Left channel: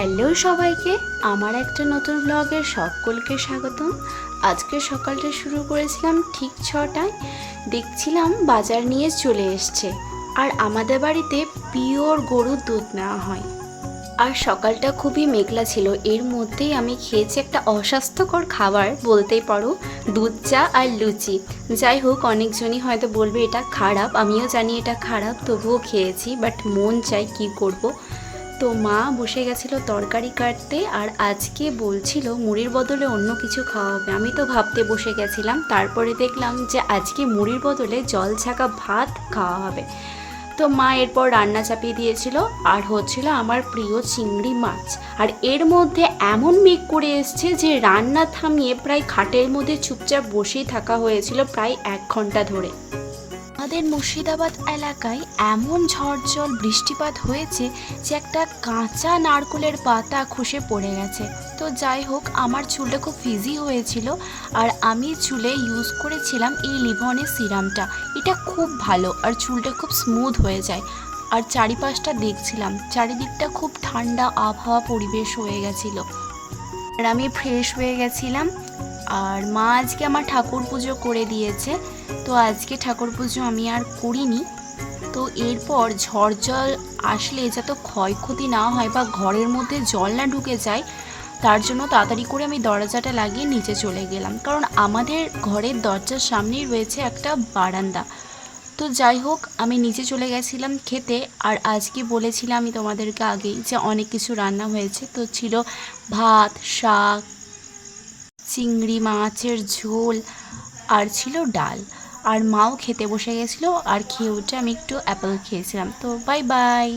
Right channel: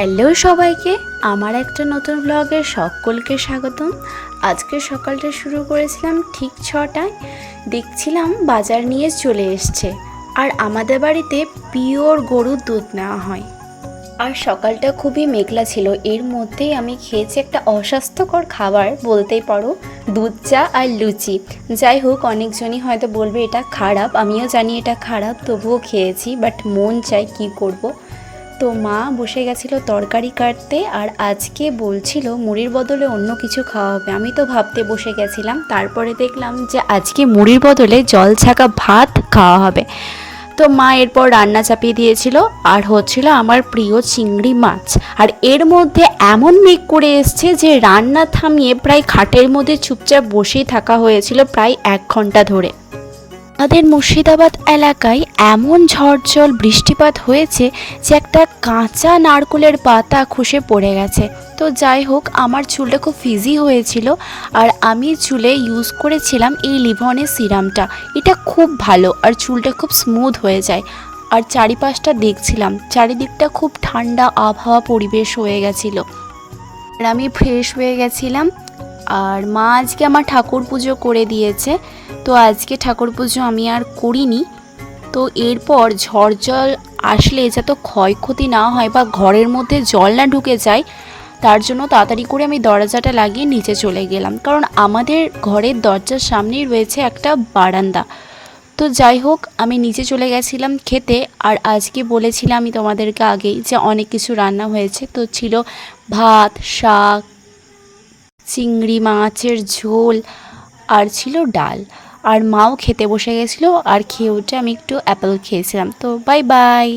Hello সবাইকে, আমার একটা নতুন ব্লগে সকলকে স্বাগতম। আজকে সকালটা শুরু করেছিলাম ঠিক 6টায়। দেখছিলাম বাজার নিয়ে চলে এসছে, আর আমাদের বাড়িতে পিওর গরুর দুধ নেওয়া হয়। আর সকালটা খুবই মেঘলা ছিল, এর মধ্যেই আমি খেয়েছি একটা অস্বাস্থ্যকর খাবার বলতেই পারো, দুধ চা আর লুচি। যাই হোক, অনেকজনই হয়তো বলবে এটা খারাপ, আমিও জানি এটা খারাপ, তবুও খেয়েছি। বাট মন চাই, কি করব। তো মা বসে গেছিলো তরকারি কাটতে, আর আজকে বলছিল মুড়ির বদলে অন্য কিছু খাওয়া হবে। আমি তো ভাবতে বসে গেছিলাম, তারপরে দেখলাম যে আজকে মুড়ির বদলে জল ছাকা ভাত খাওয়া হবে। তো মা এরপর রান্না চাপিয়ে দিয়েছিল, আর হচ্ছিল আমার প্রিয় চিংড়ি মাছ। আর এর মধ্যে এমন মেঘ করে এসছে যে রান্না থামিয়ে প্রায় খাটের মধ্যে চুপচাপ বসেই থাকা হয়েছিল প্রায় 1 ঘন্টা ধরে। আমাদের মুর্শিদাবাদ এলাকায় এমন ঝড় বৃষ্টিপাত হয়েছে যে একটা কাঁচা নারকেলের পাতা খসে পড়ে গেছে। তো যাই হোক, আমার চুলটা খুব ফিজি হয়েছিল, আর আমি চুলে ইউজ করেছিলাম এই লিভনের সিরামটা। এটা খুব ভালো, আর চুলটা খুব স্মুথ হয়ে যায়। আর চারিপাশটা দেখছিলাম, চারিদিকটা খুব ঠান্ডা আবহাওয়া পরিবেশ হয়ে গেছিলো, আর আমি ফ্রেশ হয়ে গেছিলাম। আর মা আজকে আমার ঠাকুর পুজো করে দিয়েছে, তো আজকে ঠাকুর পুজো আমি আর করিনি। তো এরপর ঝড় জল আসলে যাতে ক্ষয়ক্ষতি না হয় বা ঘরের মধ্যে জল না ঢুকে যায়, তার জন্য তাড়াতাড়ি করে আমি দরজাটা লাগিয়ে নিচে চলে গেলাম, কারণ আমাদের ঘরের দরজার সামনেই রয়েছে একটা বারান্দা। তো যাই হোক, আমি নিচে চলে গেছিলাম খেতে। আর আজকে বলেছিলাম আমি তোমাদেরকে আগেই যে অনেক কিছু রান্না হয়েছে। তো ছিল ভাত, শাক, চিংড়ি মাছের ঝোল, আর ছিল ডাল। আর মাও খেতে বসে গেছিলো, আর খেয়ে উঠে আমি একটু অ্যাপেল খেয়েছিলাম। তো বাই বাই।